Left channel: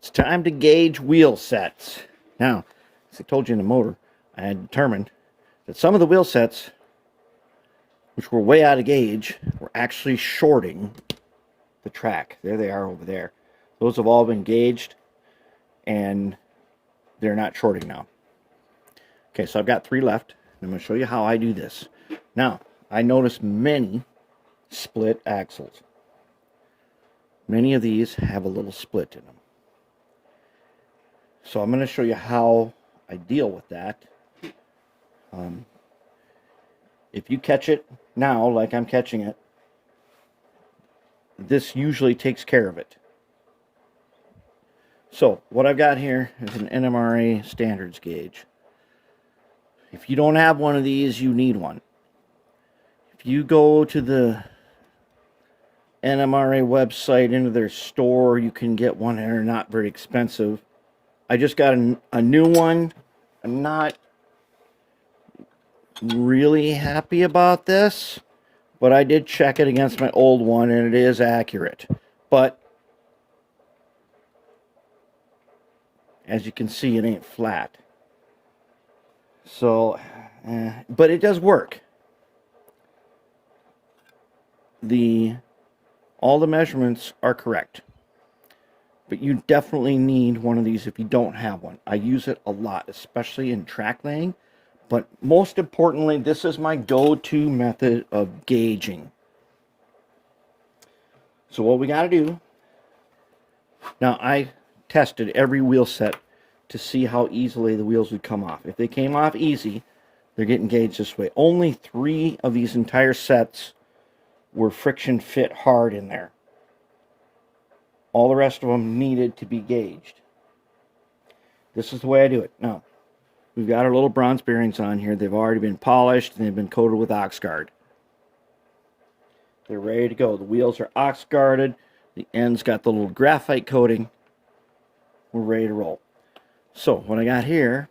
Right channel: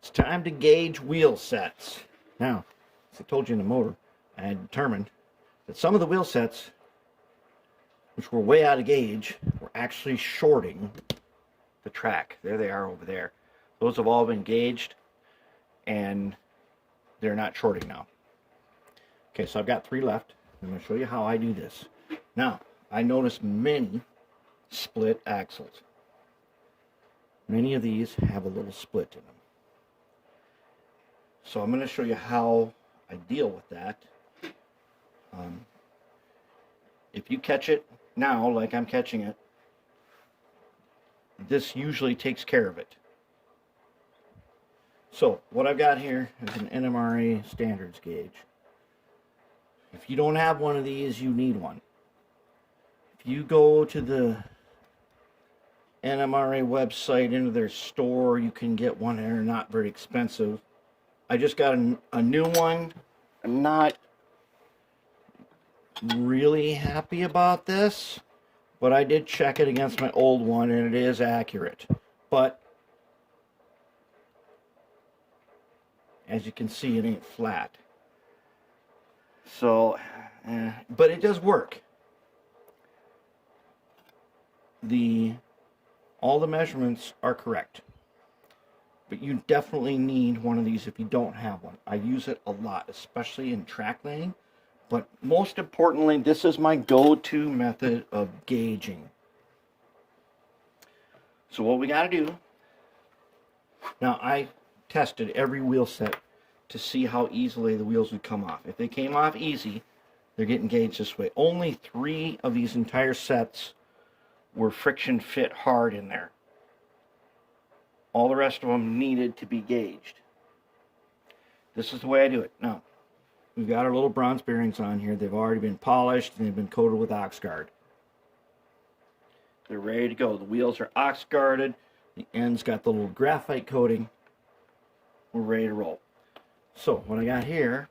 It's time to gauge wheel sets. Now, as I told you in the motor, I had determined that some of the wheel sets, which were way out of gauge, were actually shorting the track. There they are over there. Those have all been gauged, and they're not shorting now. Okay, so I've got 3 left. I'm going to show you how I do this. Now, I notice many split axles. Many of these have a little split in them. So I'm going to show you how I deal with that. If you catch it now, like I'm catching it, this usually takes care of it. So what I've got here is an NMRA standards gauge. If you don't have one of these, you need one. If you go to the NMRA website, into their store, you can get one. They're not very expensive. I just got a new one. I'm not really happy about this, but I did check it against my old one, and it is accurate. But as you can see, it ain't flat. So, but it does work. All the measurements are correct. But you definitely need one of these if you don't have one. I use it a lot, especially in track laying. But most importantly, this is my go-to method of gauging. So what we got to do, now I tested every wheel set to see how easily the wheels would come off. If they came off easy, they're getting gauged this way. Only 3 of these entire sets were friction fit hard in there. All the rest of them needed to be gauged. This is the way I do it. Now, we've got our little bronze bearings on here. They've already been polished and they've been coated with Oxguard. They're ready to go. The wheels are Oxguarded. The end's got the little graphite coating. We're ready to roll. So, what I got here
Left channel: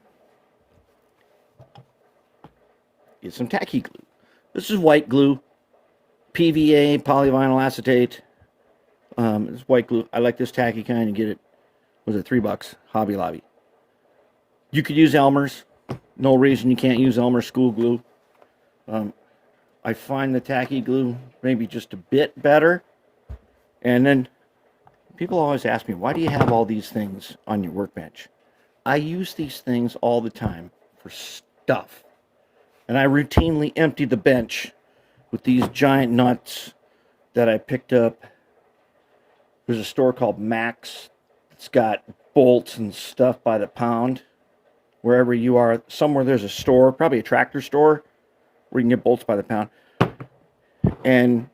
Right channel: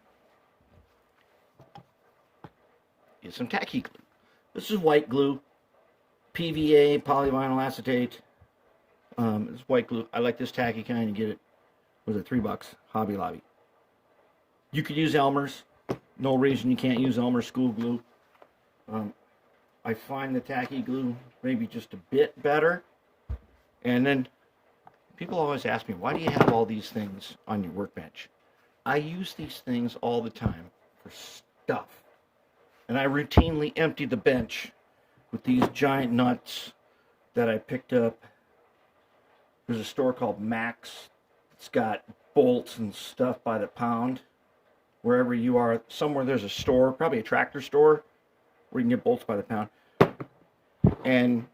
is some tacky glue. This is white glue. PVA, polyvinyl acetate. It's white glue. I like this tacky kind. You get it, was it $3? Hobby Lobby. You could use Elmer's. No reason you can't use Elmer's school glue. I find the tacky glue maybe just a bit better. And then people always ask me, why do you have all these things on your workbench? I use these things all the time for stuff. And I routinely empty the bench with these giant nuts that I picked up. There's a store called Max. It's got bolts and stuff by the pound. Wherever you are, somewhere there's a store, probably a tractor store, where you can get bolts by the pound. And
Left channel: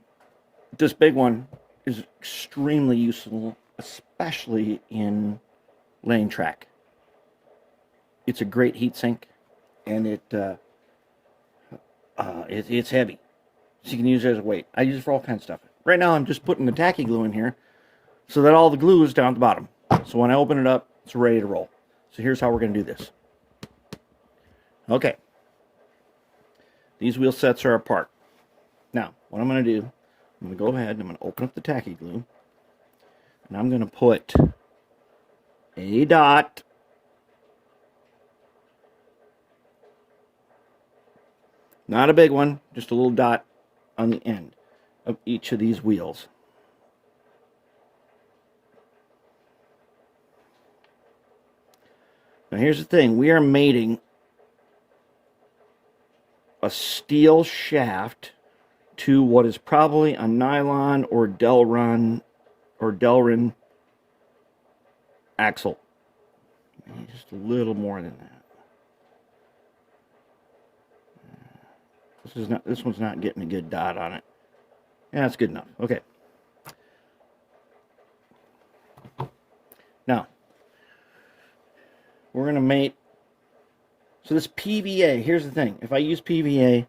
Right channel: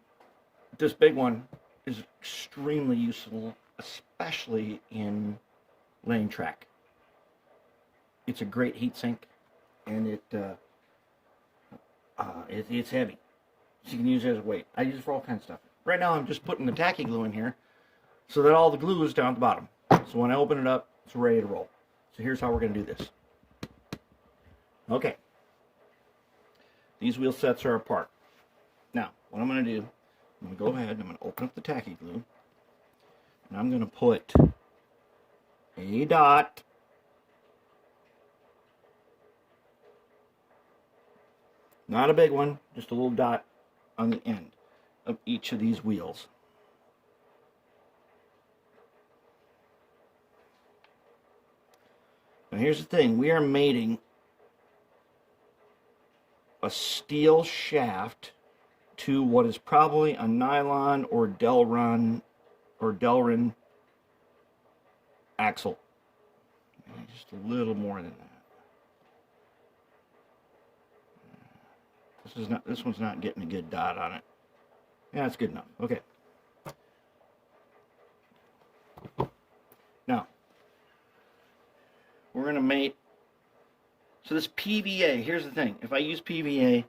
this big one is extremely useful, especially in laying track. It's a great heat sink, and it's heavy, so you can use it as a weight. I use it for all kinds of stuff. Right now I'm just putting the tacky glue in here so that all the glue is down at the bottom. So when I open it up, it's ready to roll. So here's how we're going to do this. Okay. These wheel sets are apart. Now, what I'm going to do, I'm going to go ahead and I'm going to open up the tacky glue. And I'm going to put a dot not a big one, just a little dot on the end of each of these wheels. Now here's the thing, we are mating a steel shaft to what is probably a nylon or Delrin axle. Just a little more than that. This one's not getting a good dot on it. Yeah, that's good enough. Okay. Now, we're going to mate. So this PVA, here's the thing. If I use PVA,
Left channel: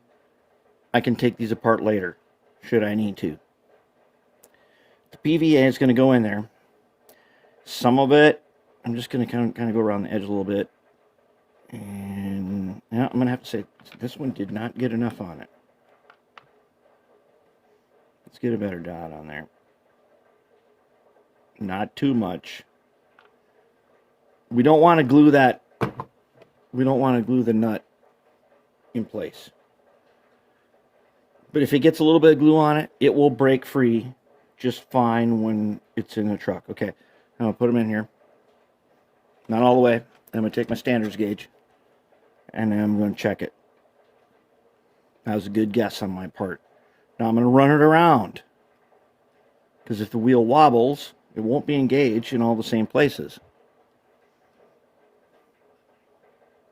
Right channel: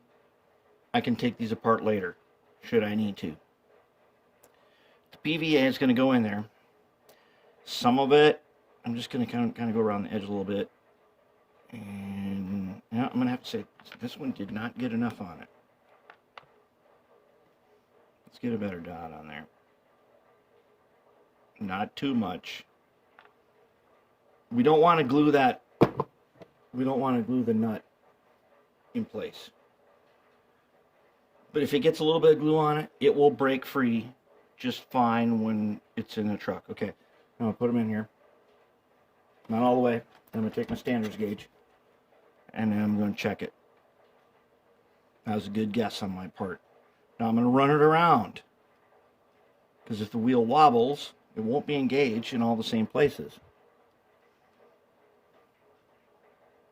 I can take these apart later, should I need to. The PVA is going to go in there. Some of it, I'm just going to kind of go around the edge a little bit. And now I'm going to have to say, this one did not get enough on it. Let's get a better dot on there. Not too much. We don't want to glue that. We don't want to glue the nut in place. But if it gets a little bit of glue on it, it will break free just fine when it's in the truck. Okay, I'm going to put them in here. Not all the way. I'm going to take my standards gauge, and then I'm going to check it. That was a good guess on my part. Now I'm going to run it around, because if the wheel wobbles, it won't be engaged in all the same places.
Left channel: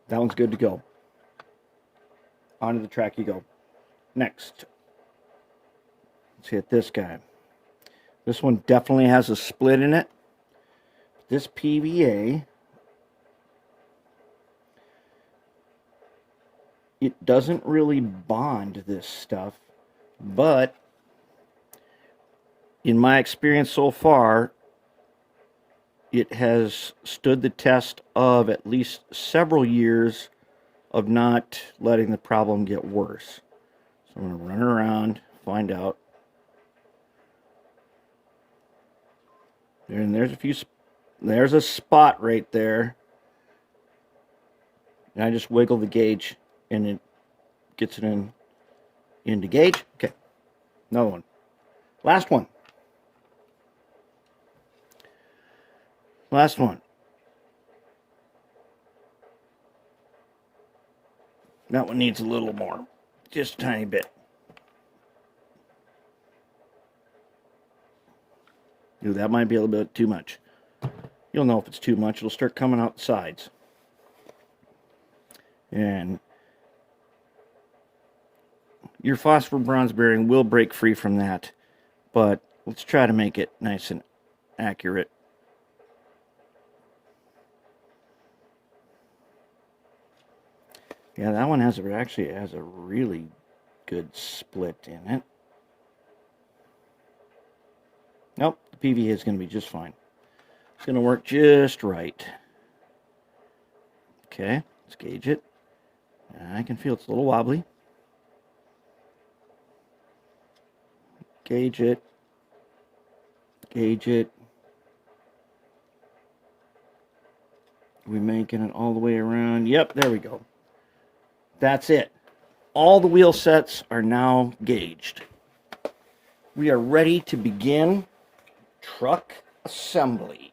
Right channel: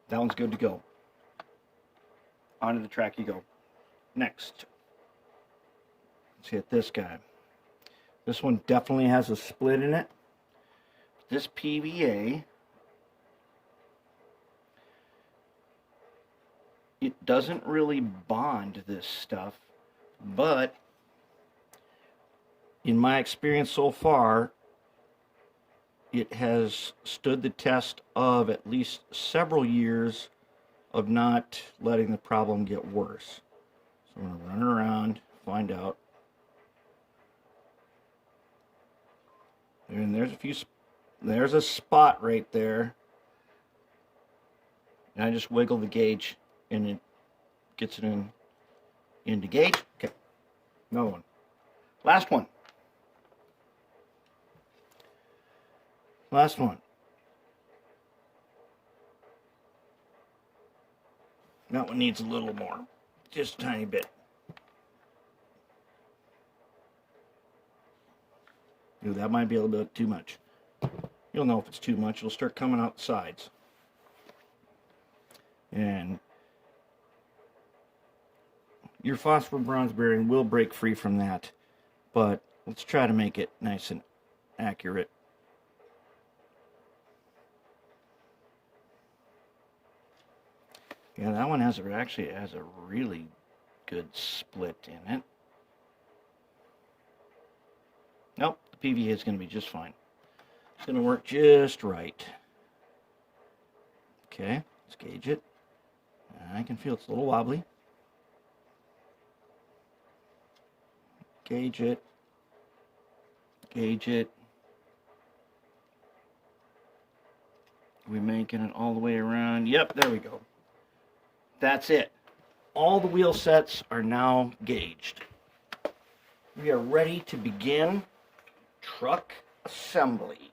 That one's good to go. Onto the track you go. Next, let's hit this guy. This one definitely has a split in it. This PVA, it doesn't really bond this stuff, but in my experience so far, it has stood the test of at least several years of not letting the problem get worse. So I'm going to run it around, find out. And there's a spot right there. And I just wiggle the gauge and it gets it into gauge. Okay, another one. Last one. Last one. That one needs a little more. Just a tiny bit. Ooh, that might be a little bit too much. You'll know if it's too much. It'll start coming out the sides. And your phosphor bronze bearing will break free from that. But let's try to make it nice and accurate. Yeah, that one actually has a really good split in it. Nope, the PVA is going to be just fine. It's going to work just right. Okay, let's gauge it. I can feel it's a little wobbly. Gauge it. Gauge it. We're making it all the way around. Yep, there we go. That's it. All the wheel sets are now gauged. We are ready to begin truck assembly.